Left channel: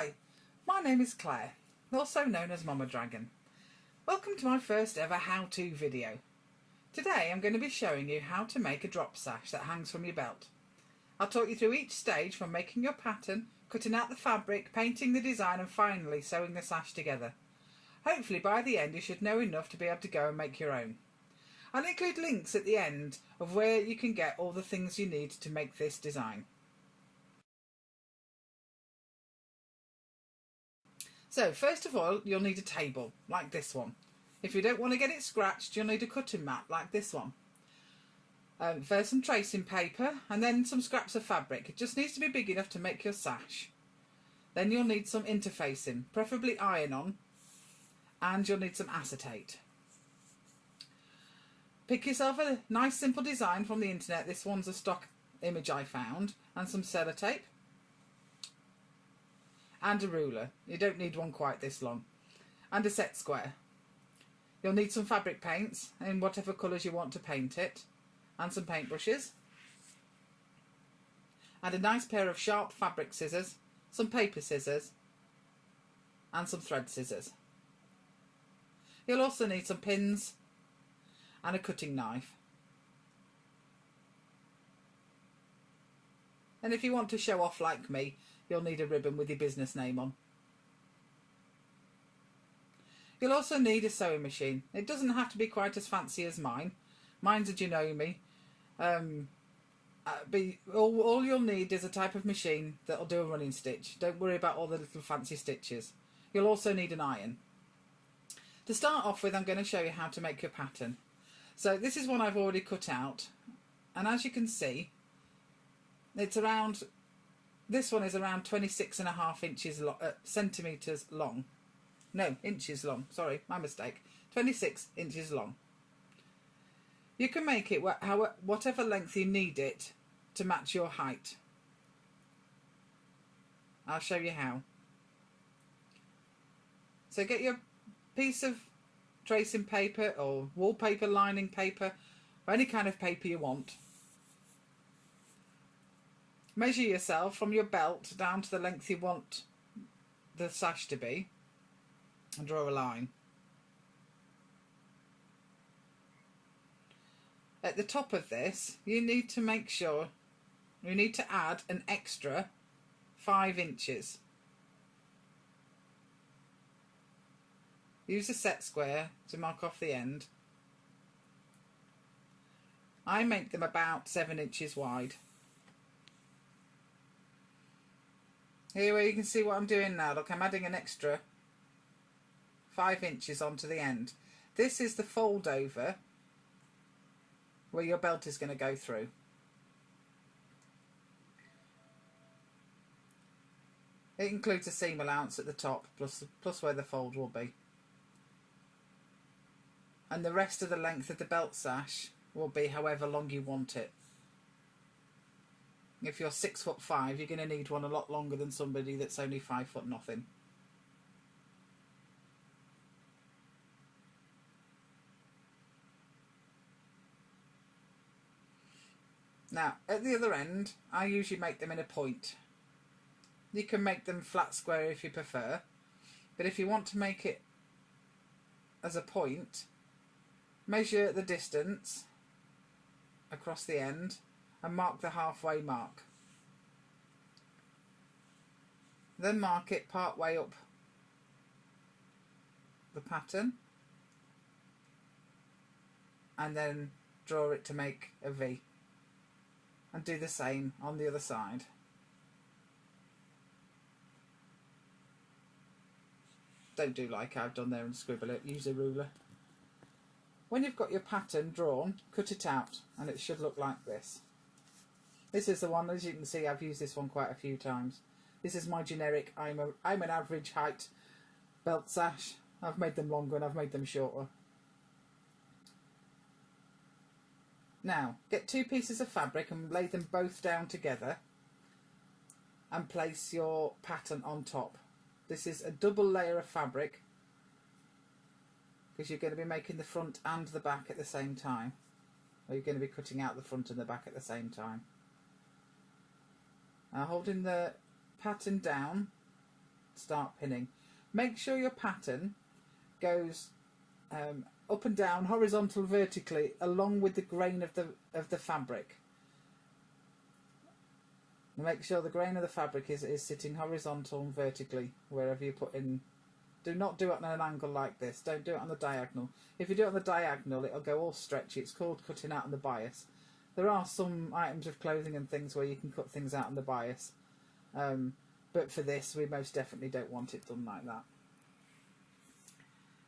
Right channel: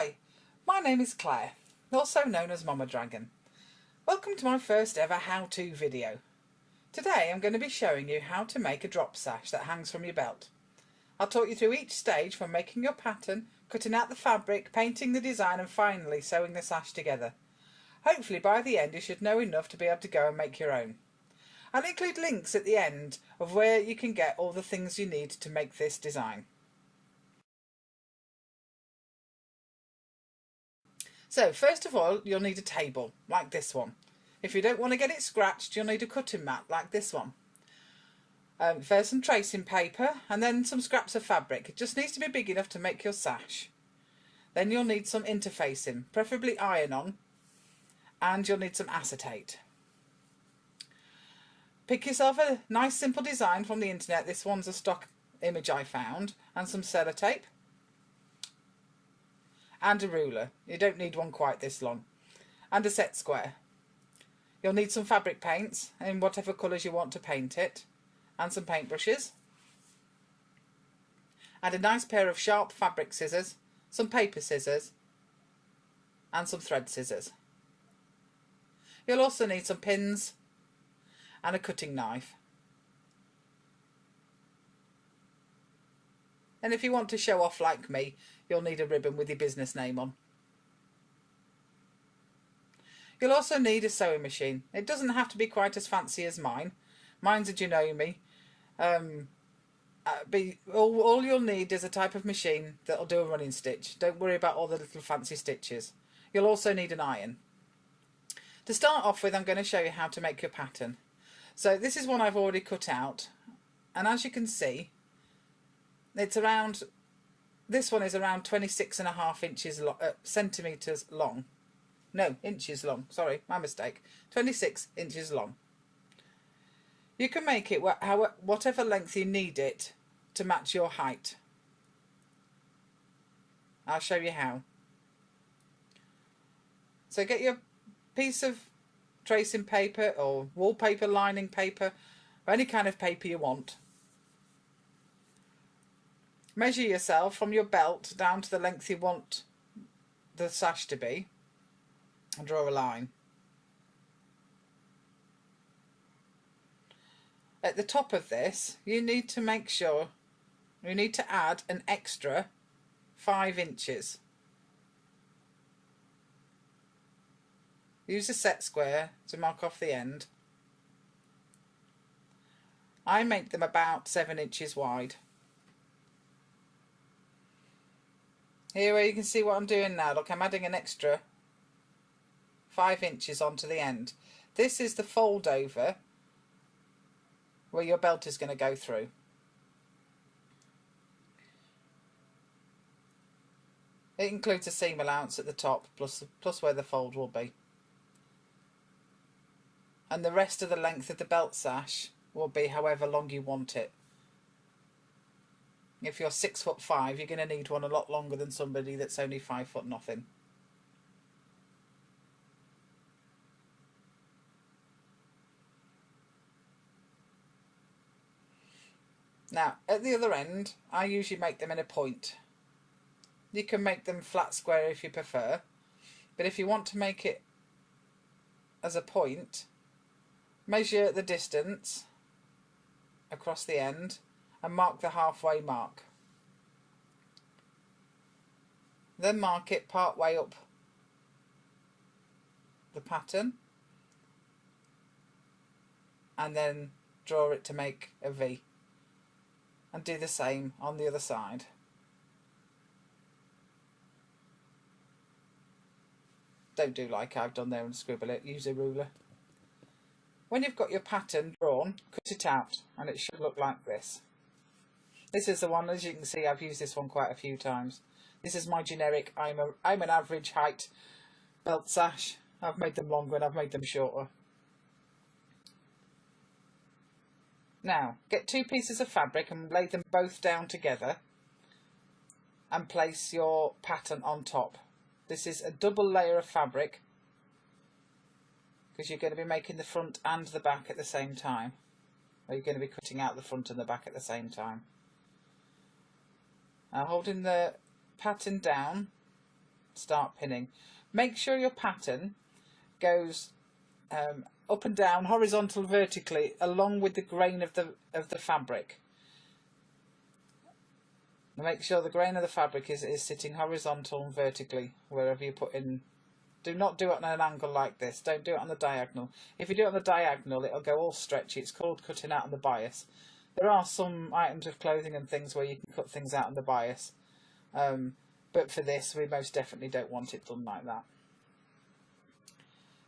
Hi, my name is Claire, also known as Mama Dragon. Welcome to my first ever how-to video. Today I'm going to be showing you how to make a drop sash that hangs from your belt. I'll talk you through each stage from making your pattern, cutting out the fabric, painting the design and finally sewing the sash together. Hopefully by the end you should know enough to be able to go and make your own. I'll include links at the end of where you can get all the things you need to make this design. So first of all, you'll need a table like this one. If you don't want to get it scratched, you'll need a cutting mat like this one. First some tracing paper and then some scraps of fabric. It just needs to be big enough to make your sash. Then you'll need some interfacing, preferably iron-on, and you'll need some acetate. Pick yourself a nice simple design from the internet. This one's a stock image I found, and some sellotape. And a ruler. You don't need one quite this long. And a set square. You'll need some fabric paints in whatever colours you want to paint it. And some paintbrushes. And a nice pair of sharp fabric scissors. Some paper scissors. And some thread scissors. You'll also need some pins. And a cutting knife. And if you want to show off like me, you'll need a ribbon with your business name on. You'll also need a sewing machine. It doesn't have to be quite as fancy as mine. Mine's a Janome. All you'll need is a type of machine that'll do a running stitch. Don't worry about all the little fancy stitches. You'll also need an iron. To start off with, I'm going to show you how to make your pattern. So this is one I've already cut out. And as you can see, it's around... This one is around 26.5 inches centimetres long. No, inches long. Sorry, my mistake. 26 inches long. You can make it whatever length you need it to match your height. I'll show you how. So get your piece of tracing paper or wallpaper lining paper or any kind of paper you want. Measure yourself from your belt down to the length you want the sash to be and draw a line. At the top of this, you need to make sure you need to add an extra 5 inches. Use a set square to mark off the end. I make them about 7 inches wide. Here where you can see what I'm doing now. Look, I'm adding an extra 5 inches onto the end. This is the fold over where your belt is going to go through. It includes a seam allowance at the top plus where the fold will be. And the rest of the length of the belt sash will be however long you want it. If you're 6'5", you're going to need one a lot longer than somebody that's only 5 foot nothing. Now, at the other end, I usually make them in a point. You can make them flat square if you prefer, but if you want to make it as a point, measure the distance across the end and mark the halfway mark. Then mark it part way up the pattern and then draw it to make a V. And do the same on the other side. Don't do like I've done there and scribble it, use a ruler. When you've got your pattern drawn, cut it out and it should look like this. This is the one, as you can see, I've used this one quite a few times. This is my generic, I'm an average height belt sash. I've made them longer and I've made them shorter. Now, get 2 pieces of fabric and lay them both down together and place your pattern on top. This is a double layer of fabric because you're going to be making the front and the back at the same time. Or you're going to be cutting out the front and the back at the same time. Now holding the pattern down start pinning. Make sure your pattern goes up and down, horizontal, vertically, along with the grain of the fabric. Make sure the grain of the fabric is sitting horizontal and vertically wherever you put in. Do not do it on an angle like this. Don't do it on the diagonal. If you do it on the diagonal, it'll go all stretchy. It's called cutting out on the bias. There are some items of clothing and things where you can cut things out on the bias. But for this, we most definitely don't want it done like that.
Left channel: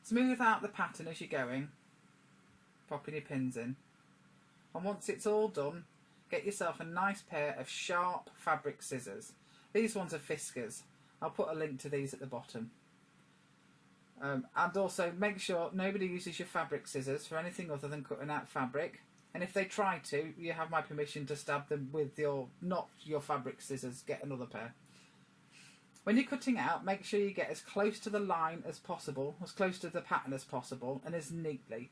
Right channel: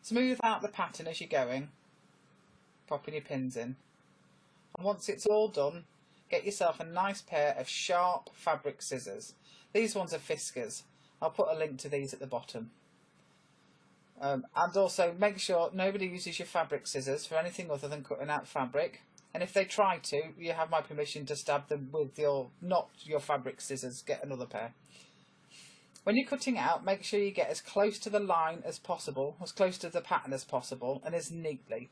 Smooth out the pattern as you're going, popping your pins in. And once it's all done, get yourself a nice pair of sharp fabric scissors. These ones are Fiskars. I'll put a link to these at the bottom. And also make sure nobody uses your fabric scissors for anything other than cutting out fabric. And if they try to, you have my permission to stab them with not your fabric scissors. Get another pair. When you're cutting out, make sure you get as close to the line as possible, as close to the pattern as possible, and as neatly.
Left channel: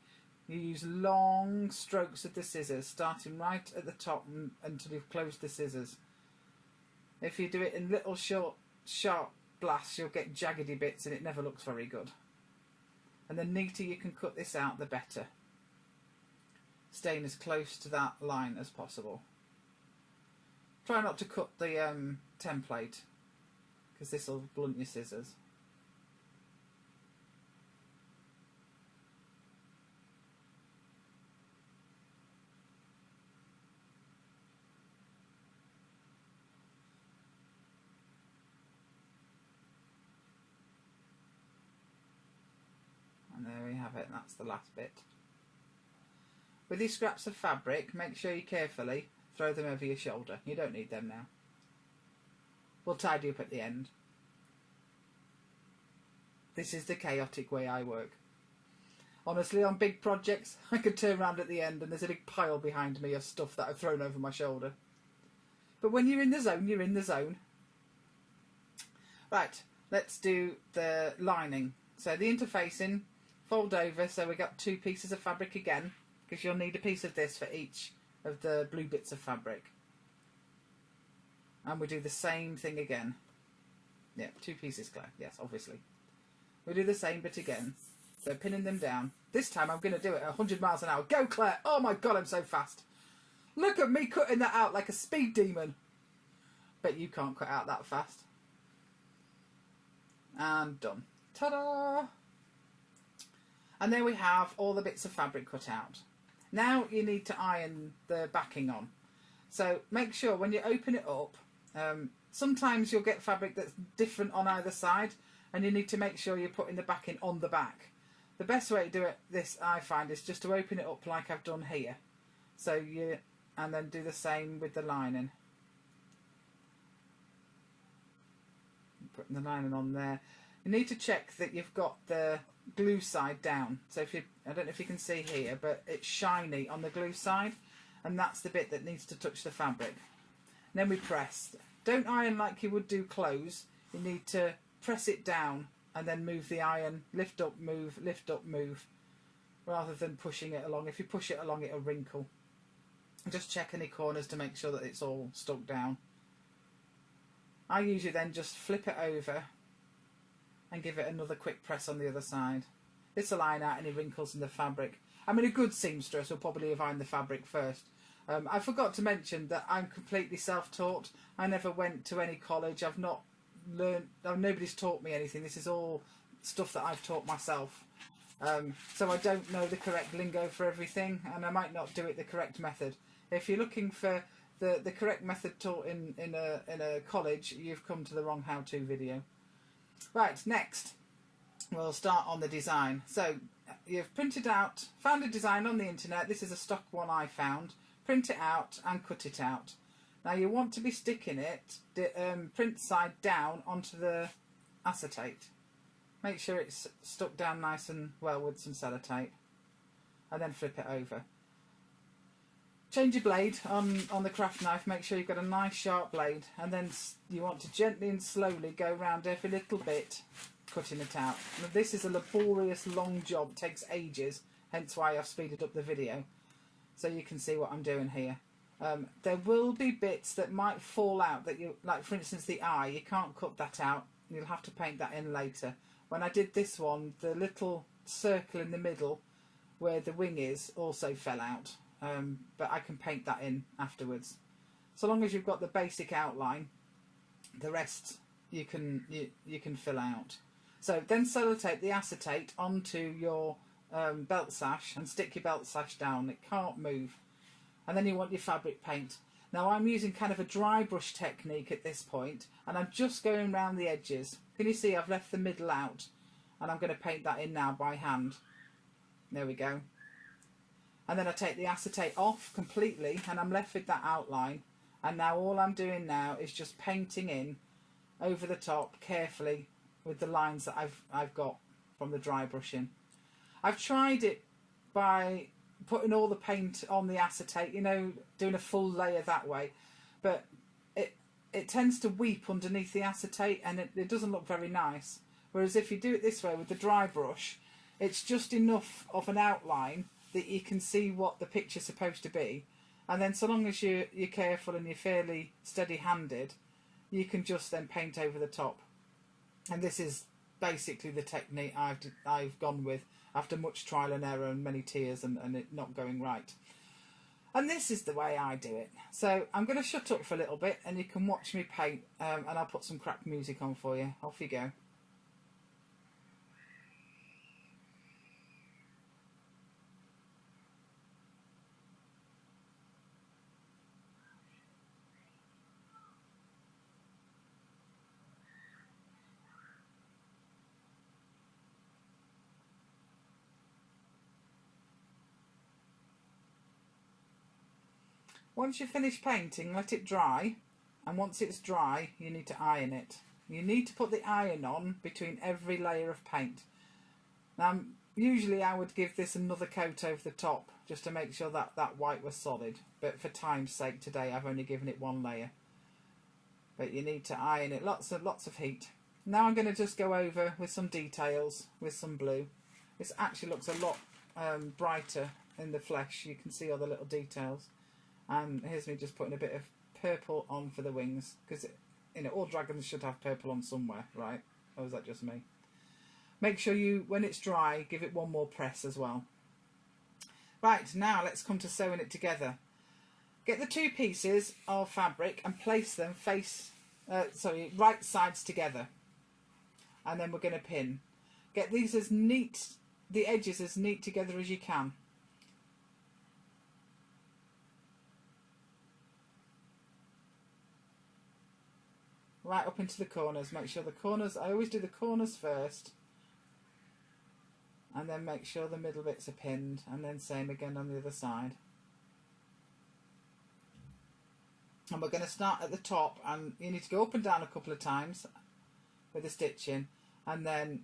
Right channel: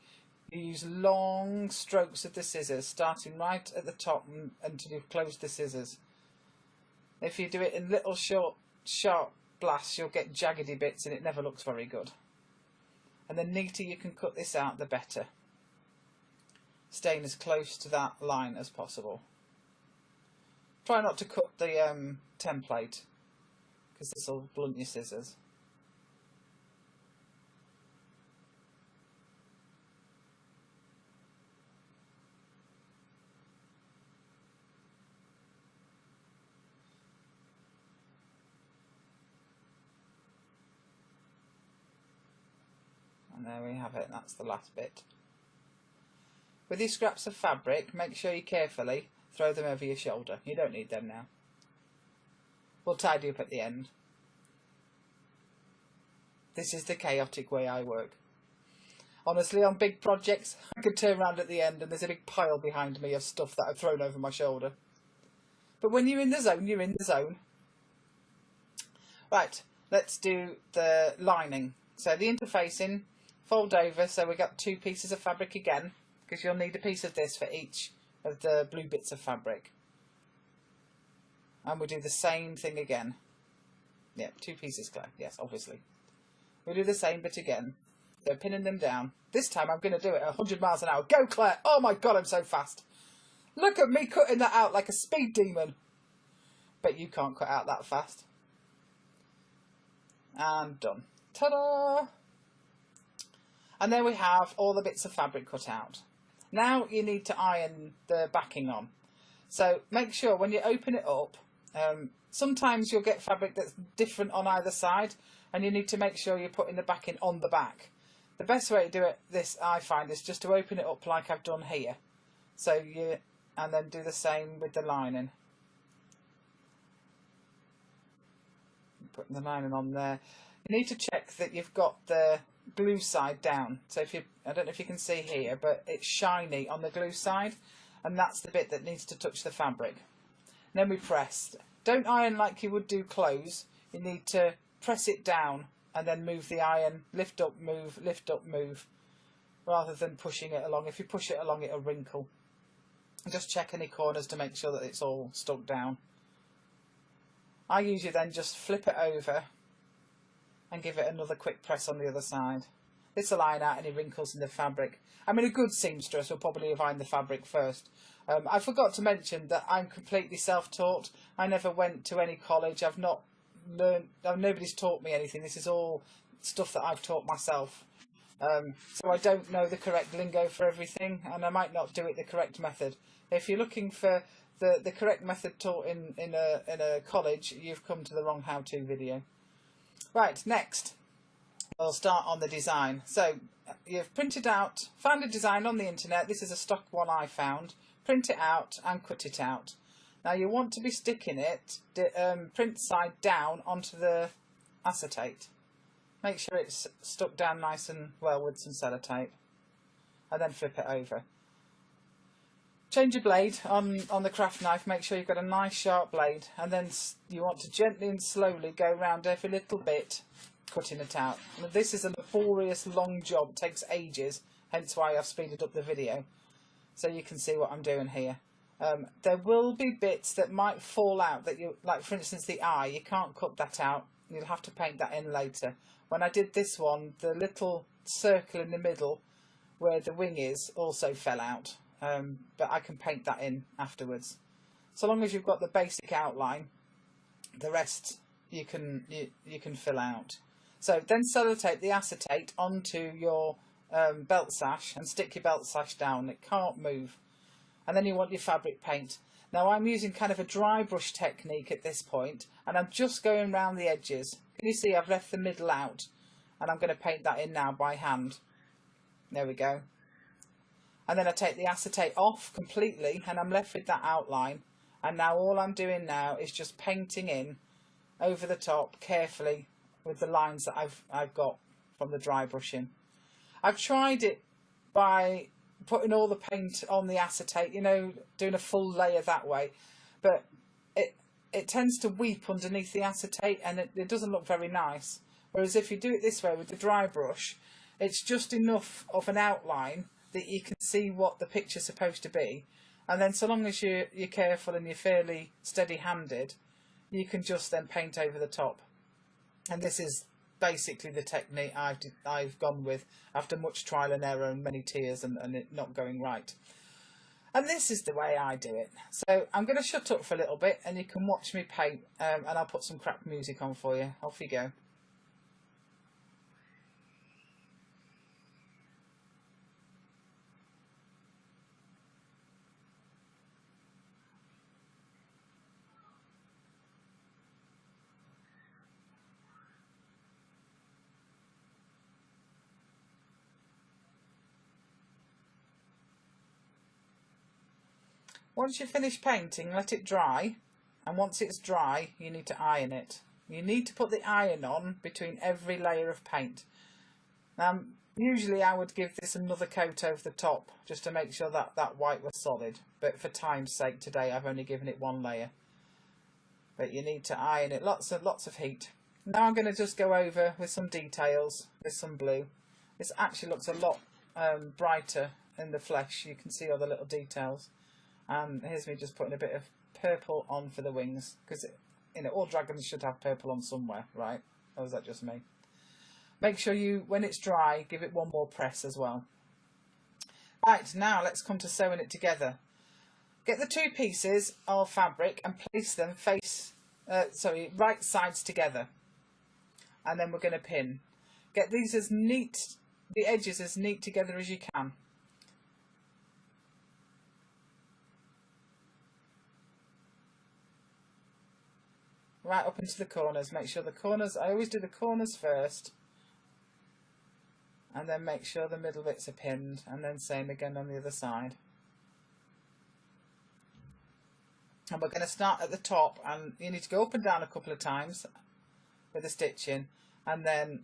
You use long strokes of the scissors, starting right at the top until you've closed the scissors. If you do it in little short, sharp blasts, you'll get jaggedy bits and it never looks very good. And the neater you can cut this out, the better. Staying as close to that line as possible. Try not to cut the template, because this will blunt your scissors. And there we have it, that's the last bit. With these scraps of fabric, make sure you carefully throw them over your shoulder. You don't need them now. We'll tidy up at the end. This is the chaotic way I work. Honestly, on big projects, I could turn around at the end and there's a big pile behind me of stuff that I've thrown over my shoulder. But when you're in the zone, you're in the zone. Right, let's do the lining. So the interfacing, fold over, so we got 2 pieces of fabric again, because you'll need a piece of this for each of the blue bits of fabric. And we do the same thing again. Yeah, 2 pieces, Claire. Yes, obviously. We do the same bit again. So pinning them down. This time I'm going to do it at 100 miles an hour. Go, Claire! Oh my God, I'm so fast. Look at me cutting that out like a speed demon. Bet you can't cut out that fast. And done. Ta-da! And there we have all the bits of fabric cut out. Now you need to iron the backing on. So make sure when you open it up, sometimes you'll get fabric that's different on either side, and you need to make sure you're putting the backing on the back. The best way to do it, I find, is just to open it up like I've done here. So and then do the same with the lining. Putting the lining on there. You need to check that you've got the glue side down. So I don't know if you can see here, but it's shiny on the glue side, and that's the bit that needs to touch the fabric. And then we press. Don't iron like you would do clothes. You need to press it down and then move the iron, lift up, move, rather than pushing it along. If you push it along, it'll wrinkle. Just check any corners to make sure that it's all stuck down. I usually then just flip it over and give it another quick press on the other side. This will iron out any wrinkles in the fabric. I mean, a good seamstress will probably have ironed the fabric first. I forgot to mention that I'm completely self-taught. I never went to any college. I've not learned, nobody's taught me anything. This is all stuff that I've taught myself. So I don't know the correct lingo for everything, and I might not do it the correct method. If you're looking for the correct method taught in a college, you've come to the wrong how-to video. Right, next we'll start on the design. So you've found a design on the internet. This is a stock one I found. Print it out and cut it out. Now you want to be sticking it print side down onto the acetate. Make sure it's stuck down nice and well with some sellotape, and then flip it over. Change your blade on the craft knife. Make sure you've got a nice sharp blade, and then you want to gently and slowly go around every little bit, cutting it out. Now, this is a laborious, long job. It takes ages, hence why I've speeded up the video, so you can see what I'm doing here. There will be bits that might fall out that like for instance the eye, you can't cut that out. you'll have to paint that in later. When I did this one, the little circle in the middle where the wing is also fell out, but I can paint that in afterwards. So long as you've got the basic outline, the rest you can fill out. So then sellotape the acetate onto your belt sash and stick your belt sash down. It can't move. And then you want your fabric paint. Now I'm using kind of a dry brush technique at this point, and I'm just going around the edges. Can you see I've left the middle out, and I'm going to paint that in now by hand. There we go. And then I take the acetate off completely, and I'm left with that outline. And now all I'm doing now is just painting in over the top carefully with the lines that I've got from the dry brushing. I've tried it by putting all the paint on the acetate, you know, doing a full layer that way, but it tends to weep underneath the acetate, and it doesn't look very nice. Whereas if you do it this way with the dry brush, it's just enough of an outline that you can see what the picture's supposed to be, and then so long as you're careful and you're fairly steady-handed, you can just then paint over the top. And this is basically the technique I've gone with after much trial and error and many tears and it not going right. And this is the way I do it. So I'm going to shut up for a little bit and you can watch me paint, and I'll put some crap music on for you. Off you go. Once you finish painting, let it dry, and once it's dry, you need to iron it. You need to put the iron on between every layer of paint. Usually I would give this another coat over the top just to make sure that that white was solid, but for time's sake today I've only given it one layer. But you need to iron it, lots of heat. Now I'm going to just go over with some details with some blue. This actually looks a lot brighter in the flesh. You can see all the little details. And here's me just putting a bit of purple on for the wings, because you know all dragons should have purple on somewhere, right? Or is that just me? Make sure you, when it's dry, give it one more press as well. Right, now let's come to sewing it together. Get the two pieces of fabric and place them right sides together, and then we're going to pin. Get these as neat, the edges as neat together as you can. Right up into the corners. Make sure the corners, I always do the corners first, and then make sure the middle bits are pinned, and then same again on the other side. And we're going to start at the top, and you need to go up and down a couple of times with the stitching, and then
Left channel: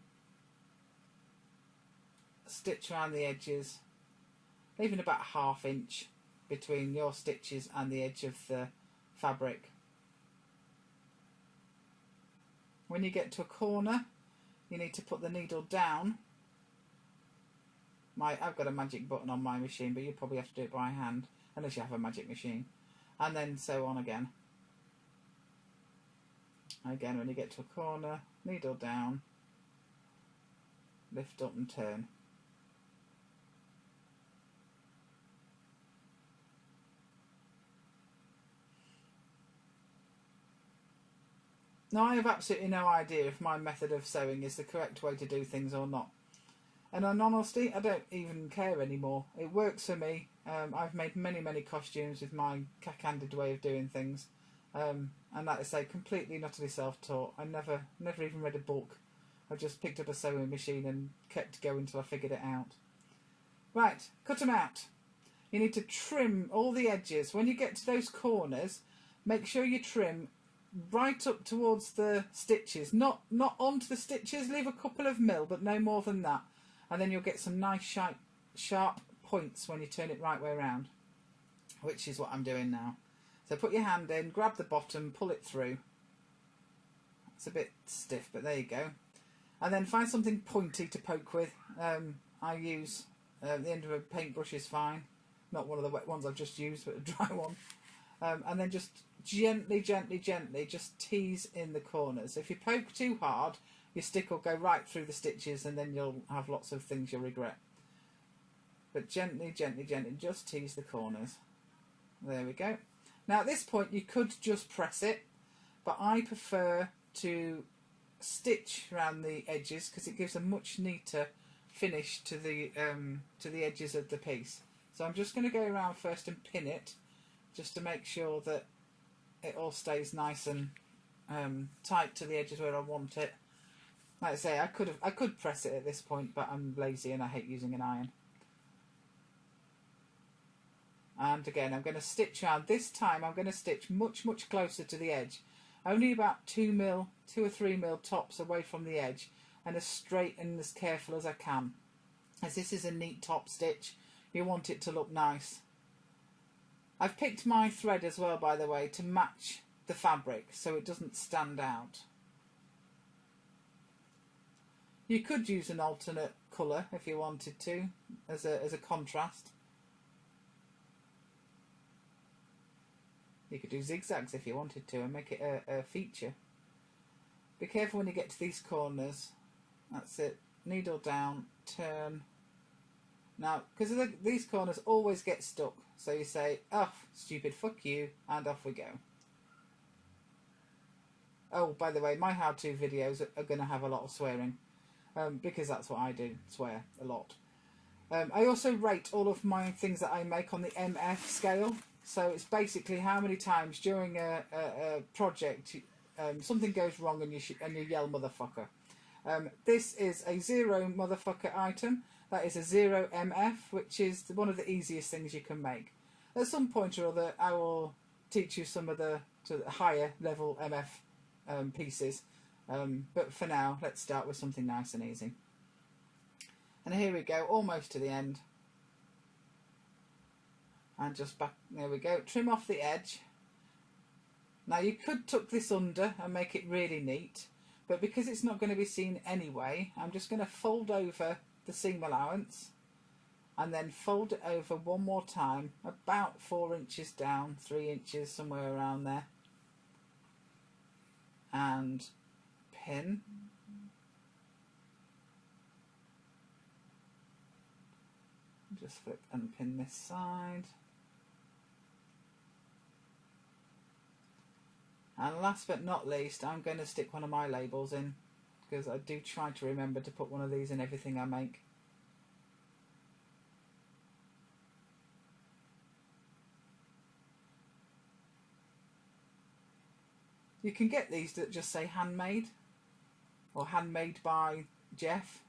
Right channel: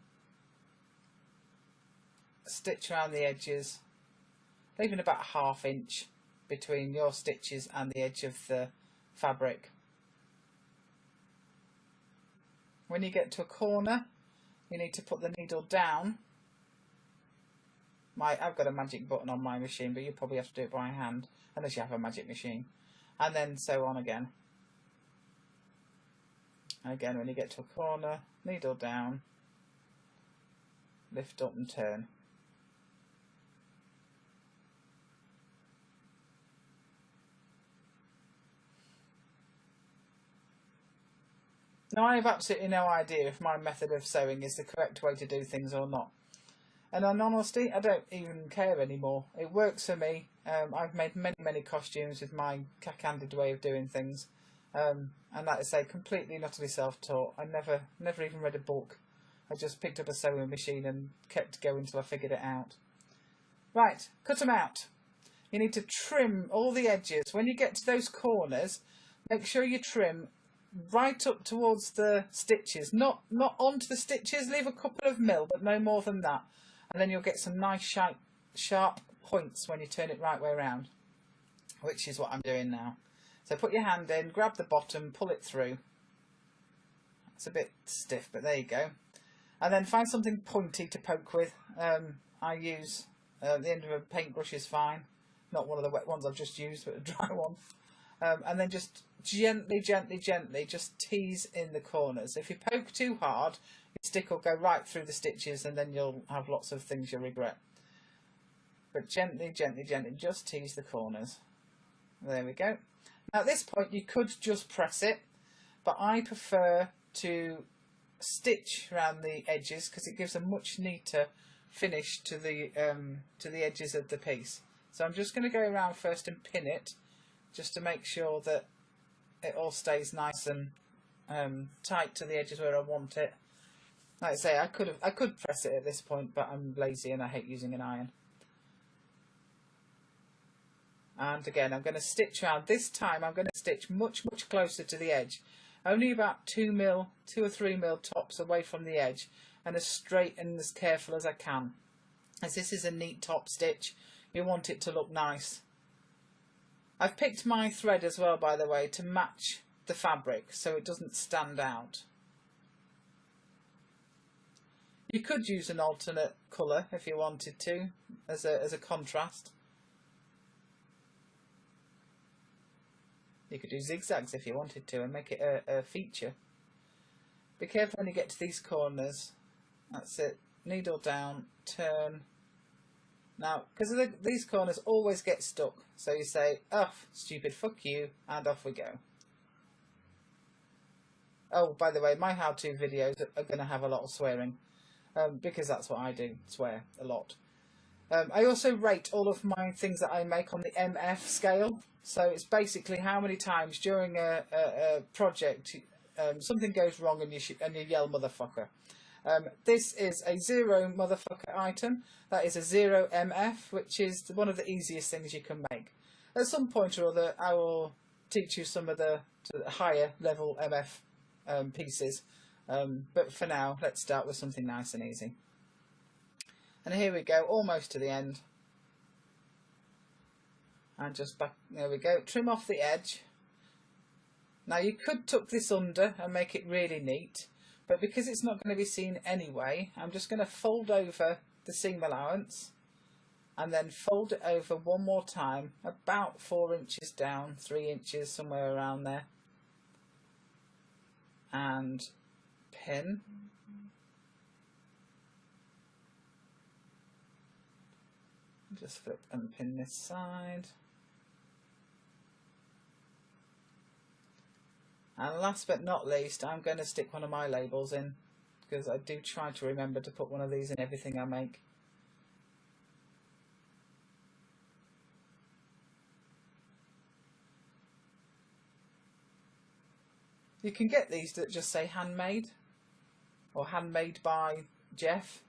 stitch around the edges, leaving about a ½ inch between your stitches and the edge of the fabric. When you get to a corner, you need to put the needle down. I've got a magic button on my machine, but you probably have to do it by hand, unless you have a magic machine. And then sew on again. Again, when you get to a corner, needle down, lift up and turn. Now I have absolutely no idea if my method of sewing is the correct way to do things or not. And in honesty, I don't even care anymore. It works for me. I've made many costumes with my cack-handed way of doing things. And like I say, completely and utterly self-taught. I never even read a book. I just picked up a sewing machine and kept going until I figured it out. Right, cut them out. You need to trim all the edges. When you get to those corners, make sure you trim right up towards the stitches, not onto the stitches. Leave a couple of mil, but no more than that, and then you'll get some nice sharp points when you turn it right way around, which is what I'm doing now. So put your hand in, grab the bottom, pull it through. It's a bit stiff, but there you go. And then find something pointy to poke with. I use the end of a paintbrush is fine, not one of the wet ones I've just used, but a dry one. and then just gently just tease in the corners. If you poke too hard, your stick will go right through the stitches and then you'll have lots of things you'll regret. But gently just tease the corners. There we go. Now at this point you could just press it, but I prefer to stitch around the edges because it gives a much neater finish to the edges of the piece. So I'm just going to go around first and pin it, just to make sure that it all stays nice and tight to the edges where I want it. Like I say, I could press it at this point, but I'm lazy and I hate using an iron. And again, I'm going to stitch around. This time I'm going to stitch much closer to the edge, only about 2 or 3 mil tops away from the edge, and as straight and as careful as I can, as this is a neat top stitch. You want it to look nice. I've picked my thread as well, by the way, to match the fabric so it doesn't stand out. You could use an alternate colour if you wanted to, as a contrast. You could do zigzags if you wanted to and make it a feature. Be careful when you get to these corners. That's it. Needle down, turn. Now, because these corners always get stuck, so you say, "Oh, stupid, fuck you," and off we go. Oh, by the way, my how-to videos are going to have a lot of swearing, because that's what I do, swear a lot. I also rate all of my things that I make on the MF scale, so it's basically how many times during a project something goes wrong and you yell "motherfucker." This is a 0 motherfucker item. That is a 0 MF, which is one of the easiest things you can make. At some point or other, I will teach you some of the higher level MF pieces. But for now, let's start with something nice and easy. And here we go, almost to the end. And just back, there we go. Trim off the edge. Now you could tuck this under and make it really neat, but because it's not going to be seen anyway, I'm just going to fold over the seam allowance and then fold it over one more time, about 4 inches down, 3 inches, somewhere around there, and pin. Just flip and pin this side. And last but not least, I'm going to stick one of my labels in, because I do try to remember to put one of these in everything I make. You can get these that just say handmade, or handmade by Jeff.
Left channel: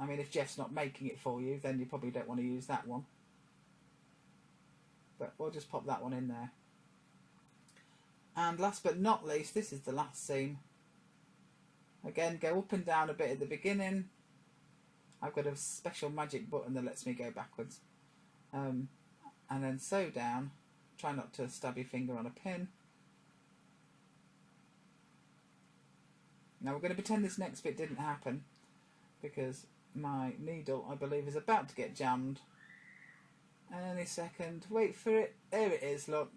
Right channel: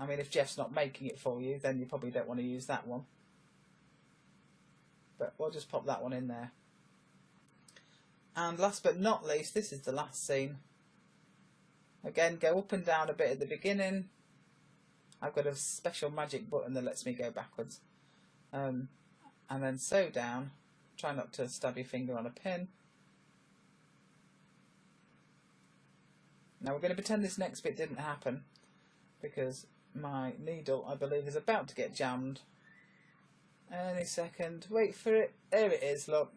I mean, if Jeff's not making it for you, then you probably don't want to use that one. But we'll just pop that one in there. And last but not least, this is the last seam. Again, go up and down a bit at the beginning. I've got a special magic button that lets me go backwards. And then sew down. Try not to stab your finger on a pin. Now we're going to pretend this next bit didn't happen, because my needle, I believe, is about to get jammed. Any second. Wait for it. There it is, look.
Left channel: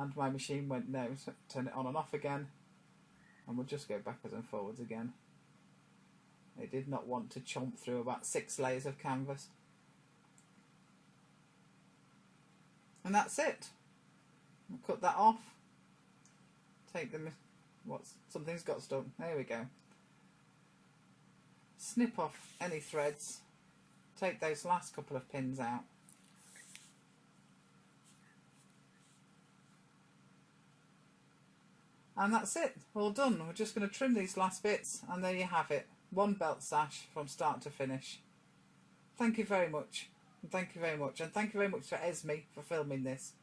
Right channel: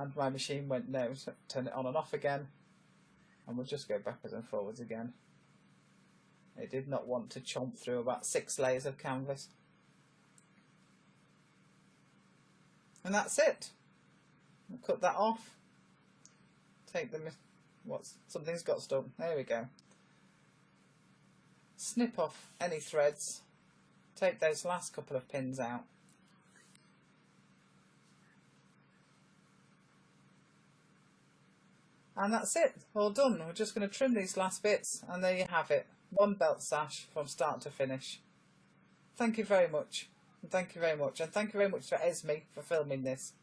And my machine went no, so turn it on and off again, and we'll just go backwards and forwards again. It did not want to chomp through about 6 layers of canvas. And that's it. We'll cut that off. Take the, something's got stuck. There we go. Snip off any threads. Take those last couple of pins out. And that's it, all done. We're just going to trim these last bits, and there you have it. One belt sash from start to finish. Thank you very much. Thank you very much. And thank you very much for Esme for filming this.